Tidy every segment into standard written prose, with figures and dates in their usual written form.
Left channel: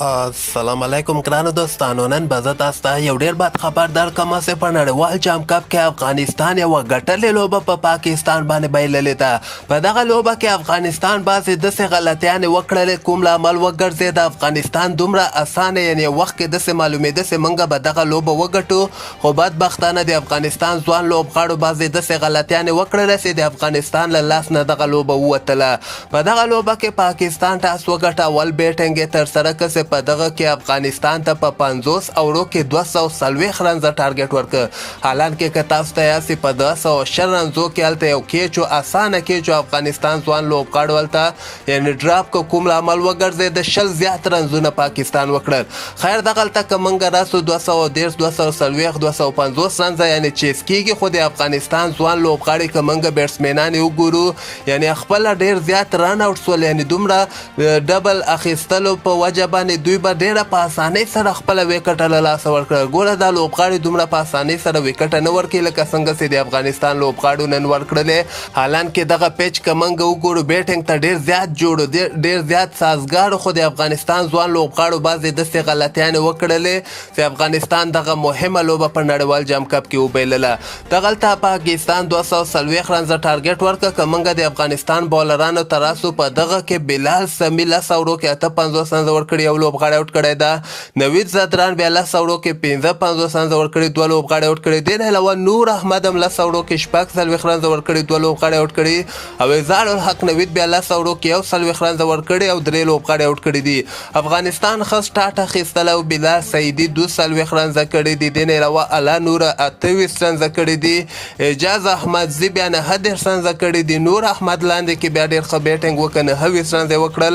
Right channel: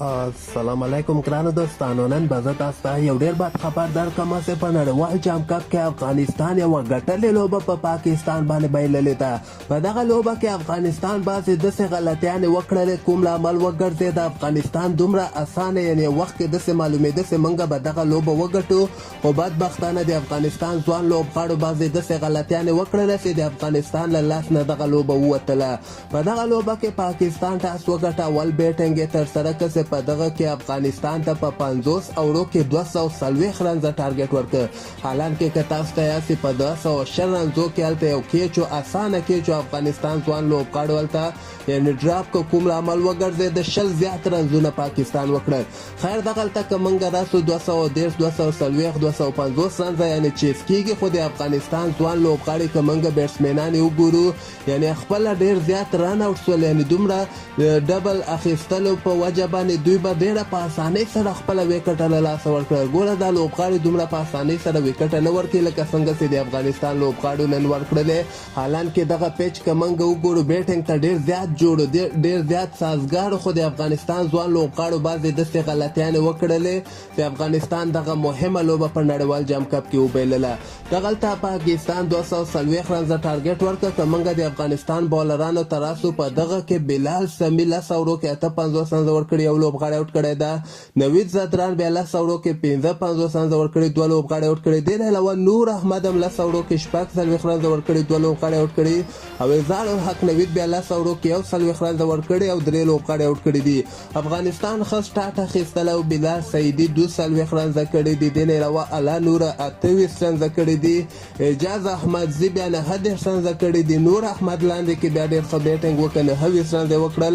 السلام علیکم ګرانو دوستانو. نن به زه تاسو ته یو ډېر بد خبر درکړم چې په نړیوال جام کپ کې افغانستان یوه ګټلې لوبه په پاکستان باندې بایللې ده. په دغه لوبه کې افغانستان بعضې داسې غلطیانې وکړلې کوم لامل وګرځېد افغانستان دومره اسانه یعنې وخت کې داسې معلومېده چې موږ به دغه لوبه وګټو، خو بدبختانه د افغانستان ځوان لوبغاړو بعضې داسې غلطیانې وکړلې چې د افغانستان له لاس نه دغه لوبه ووتله. په دغه لوبه کې پاکستان ټاس وګټه، اول بیټینګ یې ترسره کړ. په دغه کې افغانستان ته په 50 اوورو کې 240 رنزه ټارګټ ورکړ. حالانکه که تاسو ته یاسې په 200 رنزو کې هلته یو کیچ و، اسانه کیچ و، افغانستان ځوان لوبغاړو هلته یعنې ډراپ که کوم لامل وګرځېد 20 زیات رنزونه پاکستان وکړل. خیر دغلته که موږ راسو 230 240 250 رنزه یعنې چیز کېږي، خو د افغانستان ځوان لوبغاړي که موږ بیټسمینان یې وګورو یعنې خپله ډېر زیات رن آوټ شول، یعنې دومره ډبل اخیستلو په وجه باندې دوی به ډېره په اسانۍ سره خپله ویکټه له لاسه ورکړه. ګوره دا لوبغاړي دومره په اسانۍ سره ویکټه نه ورکوي لکه څنګه چې د افغانستان لوبغاړو نن ورکړلې. حالانکې دغه پیچ که موږ وګورو بیټینګ ته ډېر زیات جوړ و، ډېر زیات سازګار، خو د افغانستان ځوان لوبغاړو بعضې داسې غلطیانې وکړلې چې افغانستان دغه مهمه لوبه په نړیوال جام کپ کې وبایلله. دغلته پاکستان 240 رنزه ټارګټ ورکړه. که موږ د افغانستان بالرانو ته راسو په دغه کې بلال سمي 10 اوورو کې 58 رنزه ورکړي، یو لوبغاړی آوټ کړی ده. نوید زدران بیا 10 اوورو کې 55 رنزه ورکړي، 2 لوبغاړي آوټ کړي. دې نه علاوه نور احمد هم 10 اوورو کې 46 رنزه ورکړي، 2 لوبغاړي آوټ کړي. او اظهار الحق نوید بیا 10 اوورو کې 41 رنزه ورکړي او 3 لوبغاړي آوټ کړي دي. افغانستان ښه سټارټ اخیستلی او بلال سعیدي 42 رنزه کړي دي. دې نه علاوه الله نوره 28 رنزه کړي دي. اعجاز احمدزي بیا 29 رنزه کړي دي. نور احمد لاندې کې بیا ډېر ښه بیټینګ وکړ، 29 رنزه یې وکړل.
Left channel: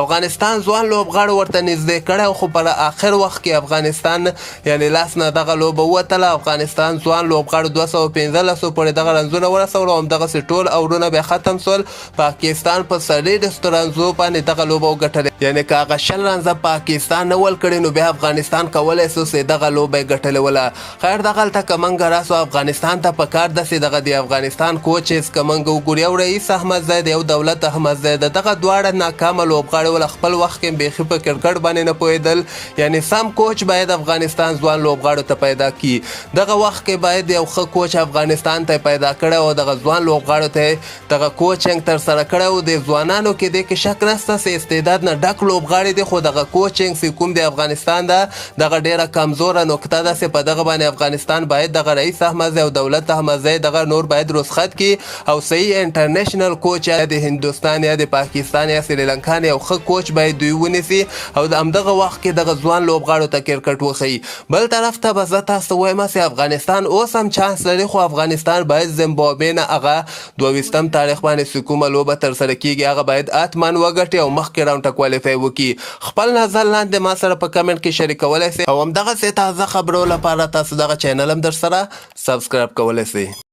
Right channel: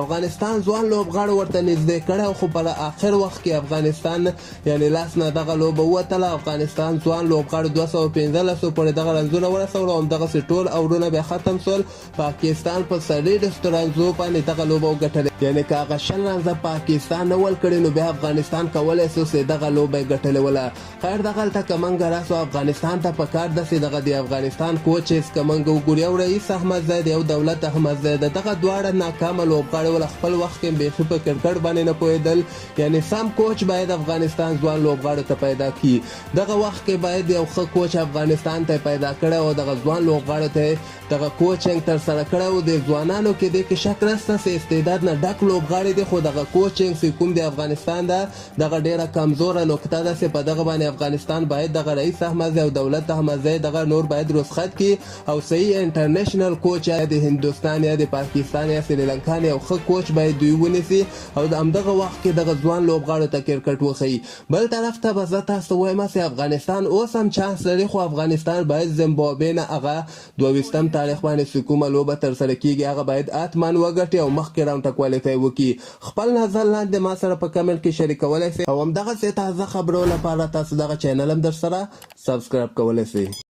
افغانستان ځوان لوبغاړو ورته نږدې کړی، خو په آخر وخت کې افغانستان یعنې لاس نه دغه لوبه ووتله. افغانستان ځوان لوبغاړو 215 پورې دغه رنزونه ورسول او همدغسې ټول اورونه بیا ختم شول. پاکستان په 30 رنزو باندې دغه لوبه وګټلې، یعنې که هغه 20 رنزه پاکستان نه ولکړي نو بیا افغانستان کولی شو چې دغه لوبه یې ګټلې وله. خیر دغلته که موږ راسو افغانستان ته پکار ده چې دغه د افغانستان کوچز که موږ وګورو، یو رئیس احمدزی دی، یو دولت احمدزی ده. دغه دواړه ناکامه لوبغاړي ول، خپل وخت کې بیخي په کرکټ باندې نه پوهېدل. یعنی سم کوچ باید افغانستان ځوان لوبغاړو ته پیدا کړي. دغه وخت کې باید یو ښه کوچ افغانستان ته پیدا کړی او دغه ځوان لوبغاړو ته دغه کوچینګ ترسره کړی او د ځوانانو کې دې کې شک نشته چې استعداد نه ډک لوبغاړي دي، خو دغه کوچینګ چې کوم د افغانستان ده دغه ډېره کمزوره نقطه ده چې په دغه باندې افغانستان باید دغه رئیس احمدزی او دولت احمدزی دغه نور باید رخصت کړي او صحیح انټرنیشنل کوچ یا د هندوستان یا د پاکستان یا سریلانکا یو ښه کوچ باید دوی ونیسي او د همدغه وخت کې دغه ځوان لوبغاړو ته کرکټ وښیي. بل طرف ته به زه تاسو ته وایم چې افغانستان اوس هم چانس لري، خو افغانستان باید زیمبابوې نه هغه 22 تاریخ باندې چې کومه لوبه ترسره کېږي هغه باید حتما وګټي او مخکې راونډ ته کوالیفای وکړي. خپل نظر لاندې ما سره په کمنټ کې شریکولی شئ او همدغسې تازه خبرو لپاره تاسو دغه چینل هم در سره سبسکرایب کولی شئ.